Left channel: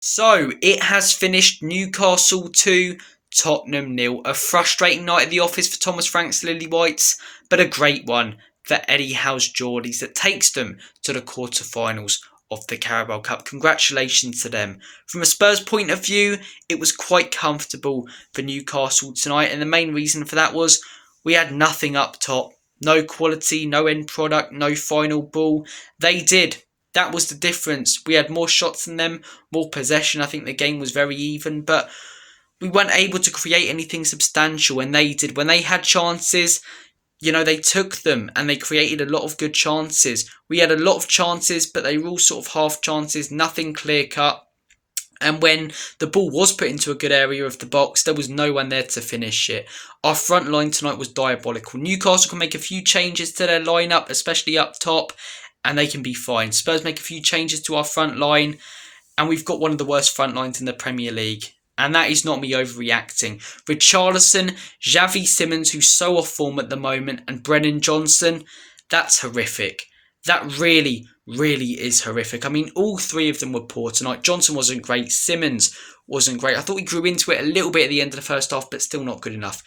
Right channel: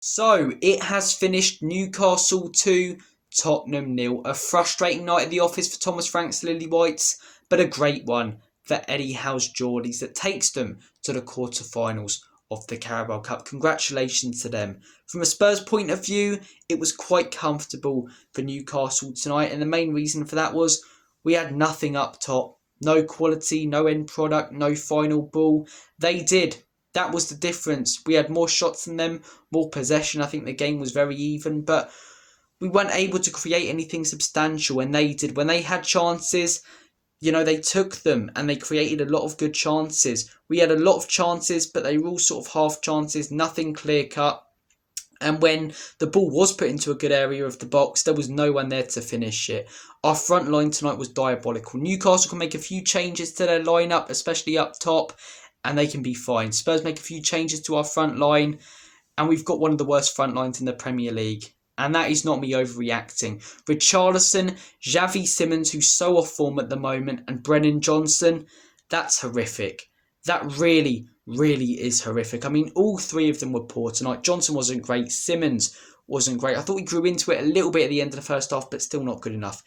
So, it has finished Newcastle 2, Tottenham 0. A frustrating night at the office for Thomas Frank's Lily Whites, but a great one for Eddie Howe's Geordies that takes them to the quarter-finals of the Carabao Cup. Congratulations to them. From a Spurs point of view, it was quite comfortable for Newcastle tonight, and the main reason for that was we had nothing up top. No quality, no end product, no final ball. They did. That was the difference. We had more shots than them, more possession. I think the game was very even, but we weren't able to create anything substantial, and they did. When they had chances, they took them and they created a lot of good chances. We had a lot of chances, but they were all sort of half chances, nothing clear cut. And when the ball was put into a good area of the box, there was no one there to finish it. Our front line tonight was diabolical. Newcastle can make a few changes to their lineup, especially up top, and they can be fine. Spurs make a few changes to our front line, and we've got one of the worst front lines in the Premier League. And that is not me overreacting. Richarlison, Xavi Simons, who's so off form at the moment, and Brennan Johnson, that's horrific. That really, really is horrific. I mean, all three of them were poor tonight. Johnson wasn't great. Simons wasn't great. I thought we grew into it a little bit at the end of the first half, but still not good enough.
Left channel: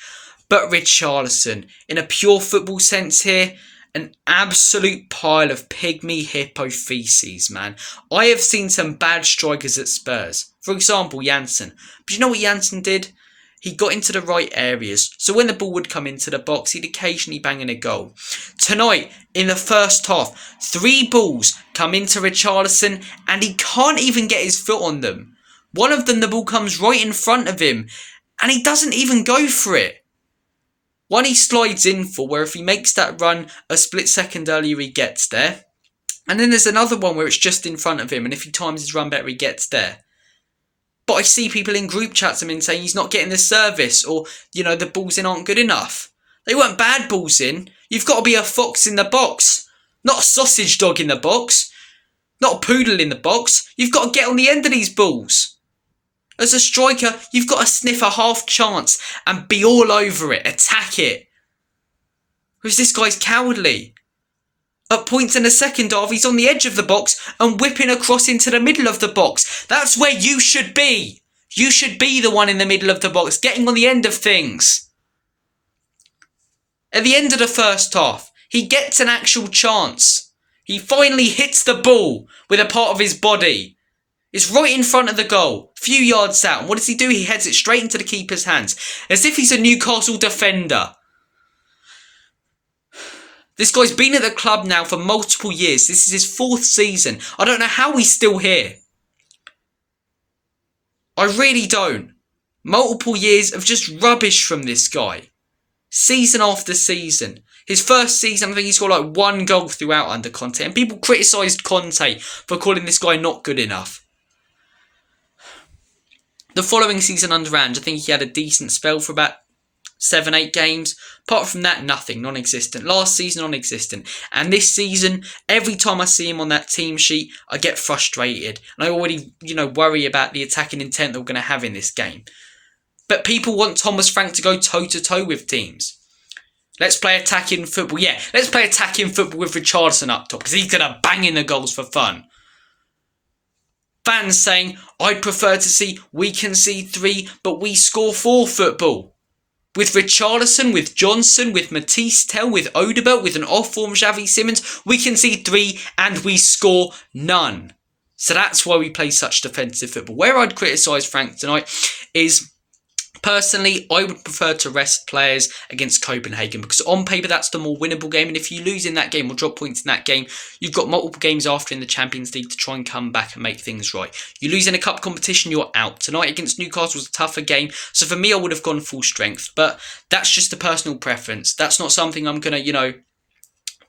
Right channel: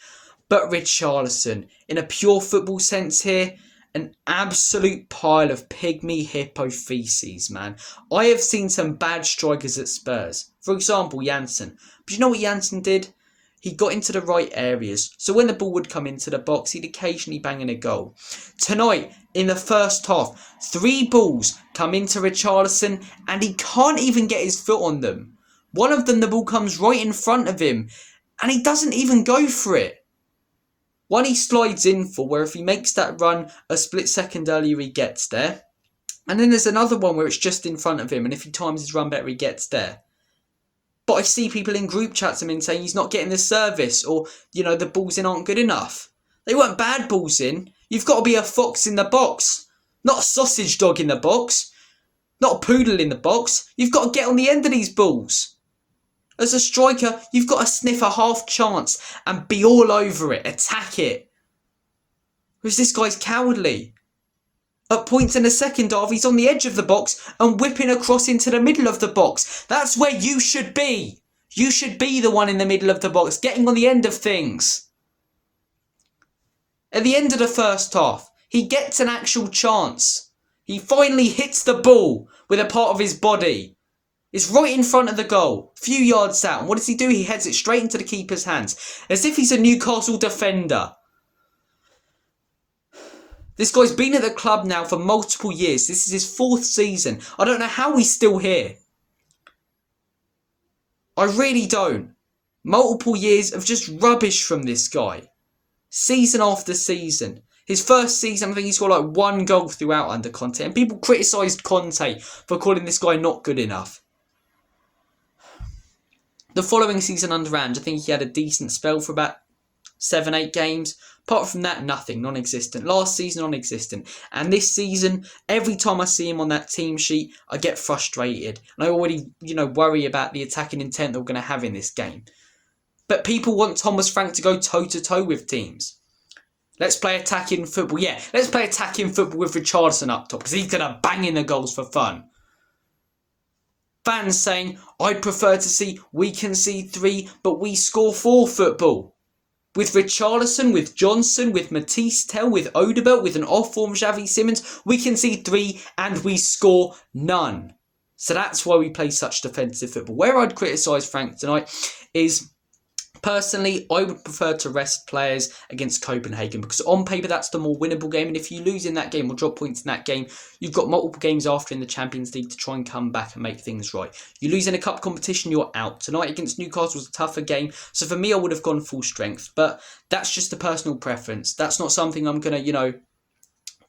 But Richarlison, in a pure football sense here, an absolute pile of pygmy hippo feces, man. I have seen some bad strikers at Spurs. For example, Janssen. But you know what Janssen did? He got into the right areas. So when the ball would come into the box, he'd occasionally bang in a goal. Tonight, in the first half, 3 balls come into Richarlison and he can't even get his foot on them. One of them, the ball comes right in front of him and he doesn't even go for it. One he slides in for, where if he makes that run a split second earlier, he gets there. And then there's another one where it's just in front of him, and if he times his run better, he gets there. But I see people in group chats saying he's not getting the service, or, the balls in aren't good enough. They weren't bad balls in. You've got to be a fox in the box, not a sausage dog in the box, not a poodle in the box. You've got to get on the end of these balls. As a striker, you've got to sniff a half chance and be all over it, attack it. Whereas this guy's cowardly. At points in the second half, he's on the edge of the box and whipping across into the middle of the box. That's where you should be. You should be the one in the middle of the box, getting on the end of things. At the end of the first half, he gets an actual chance. He finally hits the ball with a part of his body. It's right in front of the goal, a few yards out. And what does he do? He heads it straight into the keeper's hands, as if he's a Newcastle defender. This guy's been at the club now for multiple years. This is his 4th season. I don't know how he's still here. I really don't. Multiple years of just rubbish from this guy. Season after season. His first season, I think he scored like 1 goal throughout under Conte. And people criticised Conte for calling this guy not good enough. The following season under Ange, I think he had a decent spell for about 7-8 games. Apart from that, nothing, non-existent. Last season, non-existent. And this season, every time I see him on that team sheet, I get frustrated. And I already, worry about the attacking intent that we're going to have in this game. But people want Thomas Frank to go toe-to-toe with teams. Let's play attacking football. Yeah, let's play attacking football with Richarlison up top, because he's going to bang in the goals for fun. Fans saying, I'd prefer to see we concede 3, but we score 4 football. With Richarlison, with Johnson, with Matisse Tell, with Odebert, with an off-form Xavi Simons, we concede 3 and we score none. So that's why we play such defensive football. Where I'd criticise Frank tonight is, personally, I would prefer to rest players against Copenhagen, because on paper that's the more winnable game, and if you lose in that game or drop points in that game, you've got multiple games after in the Champions League to try and come back and make things right. You lose in a cup competition, you're out. Tonight against Newcastle was a tougher game, so for me I would have gone full strength, but that's just a personal preference. That's not something I'm going to,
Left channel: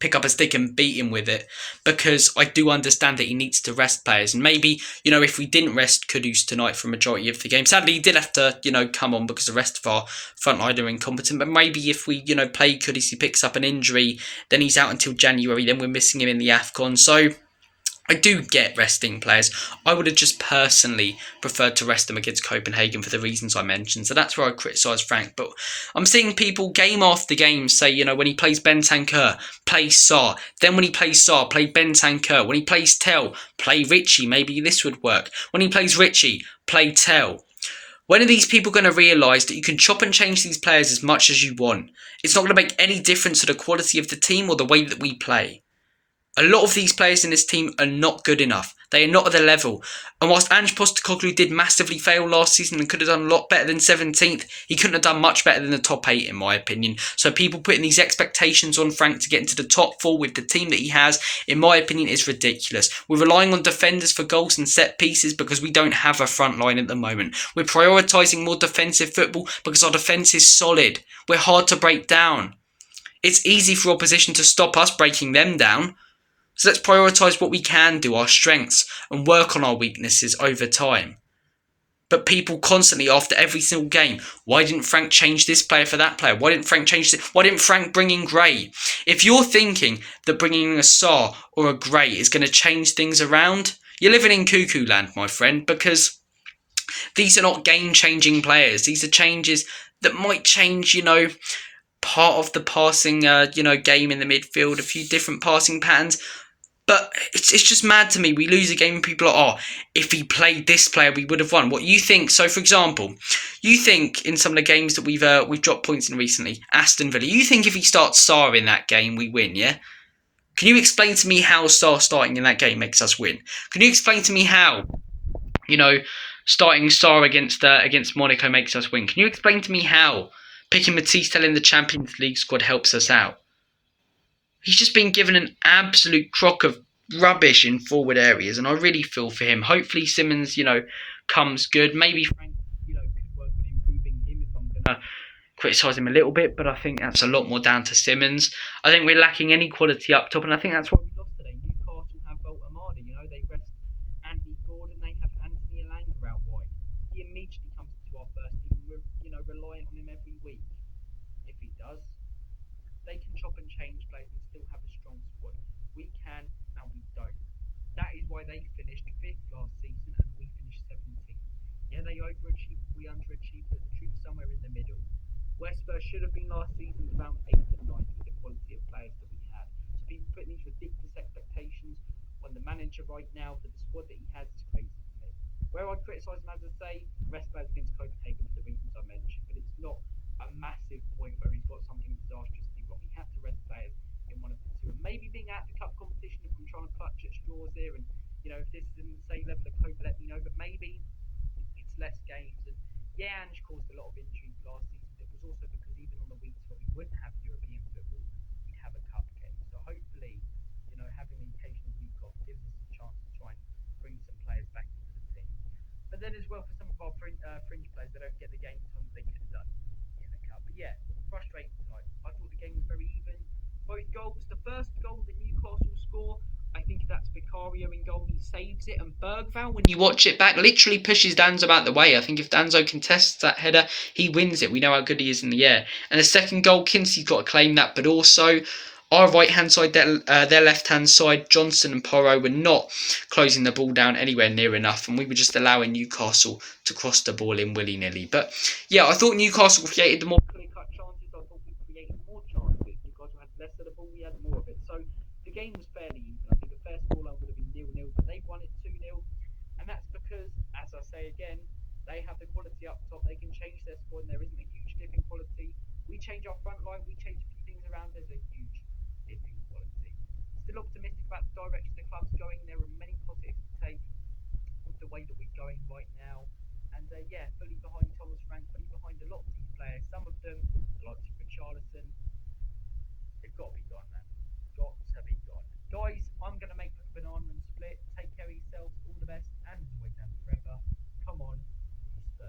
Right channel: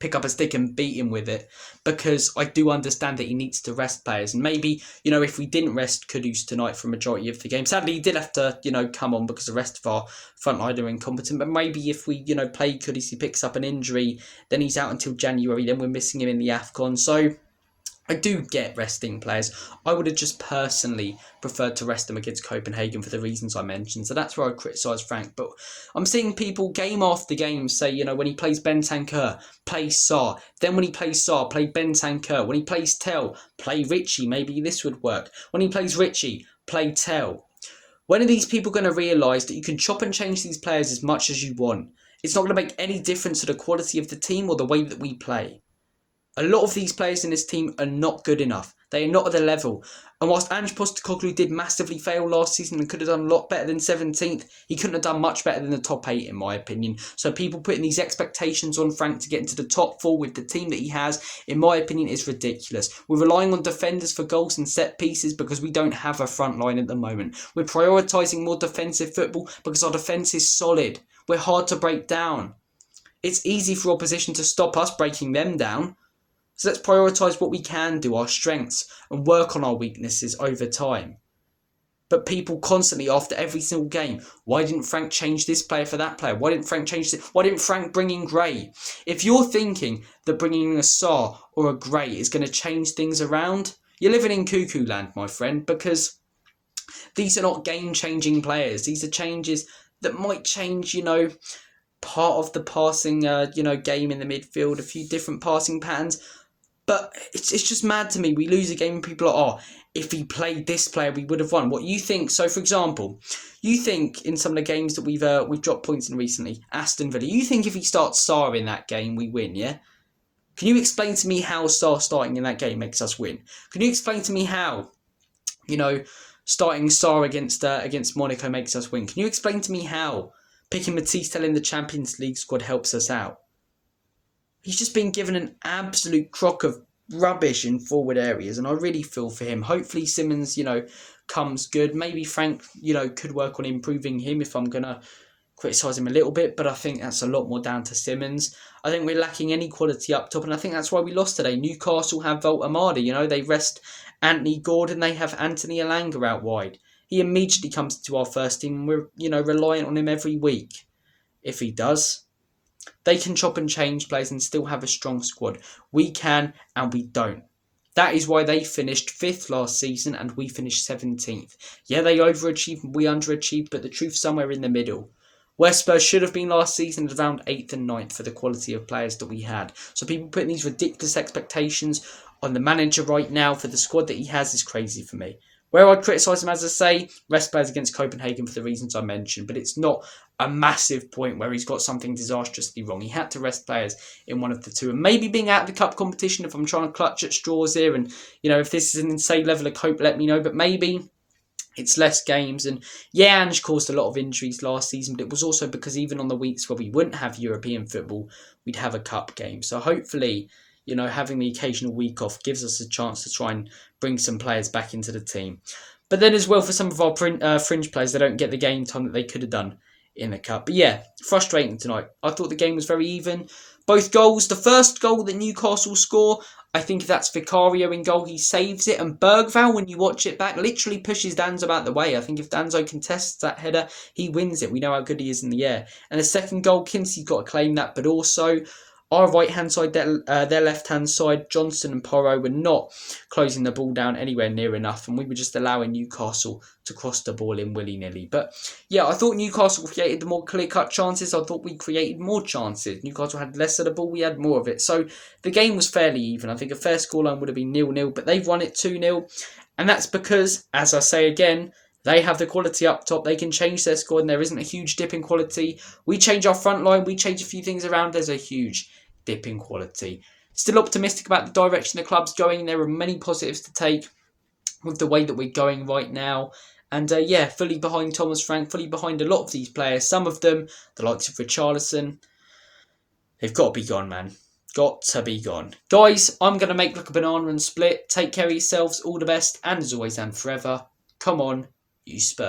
pick up a stick and beat him with it, because I do understand that he needs to rest players. And maybe, if we didn't rest Kudus tonight for a majority of the game, sadly he did have to, come on because the rest of our front line are incompetent. But maybe if we, play Kudus, he picks up an injury, then he's out until January, then we're missing him in the AFCON. So I do get resting players. I would have just personally preferred to rest them against Copenhagen for the reasons I mentioned. So that's where I criticise Frank. But I'm seeing people game after game say, when he plays Bentancur, play Sarr. Then when he plays Sarr, play Bentancur. When he plays Tell, play Richie. Maybe this would work. When he plays Richie, play Tell. When are these people going to realise that you can chop and change these players as much as you want? It's not going to make any difference to the quality of the team or the way that we play. A lot of these players in this team are not good enough. They are not at the level. And whilst Ange Postecoglou did massively fail last season and could have done a lot better than 17th, he couldn't have done much better than the top 8 in my opinion. So people putting these expectations on Frank to get into the top 4 with the team that he has, in my opinion, is ridiculous. We're relying on defenders for goals and set pieces because we don't have a front line at the moment. We're prioritising more defensive football because our defence is solid. We're hard to break down. It's easy for opposition to stop us breaking them down. So let's prioritise what we can do, our strengths, and work on our weaknesses over time. But people constantly, after every single game, why didn't Frank change this player for that player? Why didn't Frank change this? Why didn't Frank bring in Gray? If you're thinking that bringing in a Sarr or a Gray is going to change things around, you're living in cuckoo land, my friend, because these are not game-changing players. These are changes that might change, part of the passing, game in the midfield, a few different passing patterns. But it's just mad to me. We lose a game and people are, if he played this player, we would have won. What you think? So, for example, you think in some of the games that we've dropped points in recently, Aston Villa, you think if he starts Sarr in that game, we win, yeah? Can you explain to me how Sarr starting in that game makes us win? Can you explain to me how, starting Sarr against Monaco makes us win? Can you explain to me how picking Matisse in the Champions League squad helps us out? He's just been given an absolute crock of rubbish in forward areas, and I really feel for him. Hopefully Simmons, comes good. Maybe Frank, could work on improving him if I'm going to criticise him a little bit, but I think that's a lot more down to Simmons. I think we're lacking any quality up top, and I think that's why we lost today. Newcastle have Volta Amadi, they rest Anthony Gordon, they have Anthony Elanga out wide. He immediately comes to our first team, and we're, reliant on him every week. If he does, they can chop and change players and still have a strong squad. We can, and we don't. That is why they finished 5th last season and we finished 17th. Yeah, they overachieved and we underachieved, but the truth's somewhere in the middle. Where Spurs should have been last season is around 8th and 9th for the quality of players that we had. So people putting these ridiculous expectations on the manager right now for the squad that he has is crazy for me. Where I'd criticise him, as I say, rest players against Copenhagen for the reasons I mentioned, but it's not a massive point where he's got something disastrously wrong. He had to rest players in one of the two, and maybe being out of the cup competition, if I'm trying to clutch at straws here, and if this is an insane level of cope, let me know, but maybe it's less games. And yeah, Ange caused a lot of injuries last season, but it was also because even on the weeks where we wouldn't have European football, we'd have a cup game. So hopefully, having the occasional week off gives us a chance to try and bring some players back into the team. But then as well, for some of our fringe players, they don't get the game time that they could have done in the cup. But yeah, frustrating tonight. I thought the game was very even. Both goals, the first goal that Newcastle score, I think if that's Vicario in goal, he saves it. And Bergvall, when you watch it back, literally pushes Danzo out the way. I think if Danzo contests that header, he wins it. We know how good he is in the air. And the second goal, Kinsey's got to claim that. But also, our right-hand side, their left-hand side, Johnson and Porro were not closing the ball down anywhere near enough, and we were just allowing Newcastle to cross the ball in willy-nilly. But yeah, I thought Newcastle created more clear-cut chances. I thought we created more chances. Newcastle had less of the ball, we had more of it. So the game was fairly even. I think a fair scoreline would have been 0-0, but they've won it 2-0. And that's because, as I say again, they have the quality up top. They can change their squad, and there isn't a huge dip in quality. We change our front line. We change a few things around. There's a huge dip in quality. Still optimistic about the direction the club's going. There are many positives to take with the way that we're going right now. And fully behind Thomas Frank, fully behind a lot of these players. Some of them, the likes of Richarlison, they've got to be gone, man. Got to be gone. Guys, I'm going to make like a banana and split. Take care of yourselves. All the best. And as always and forever, come on, you Spurs.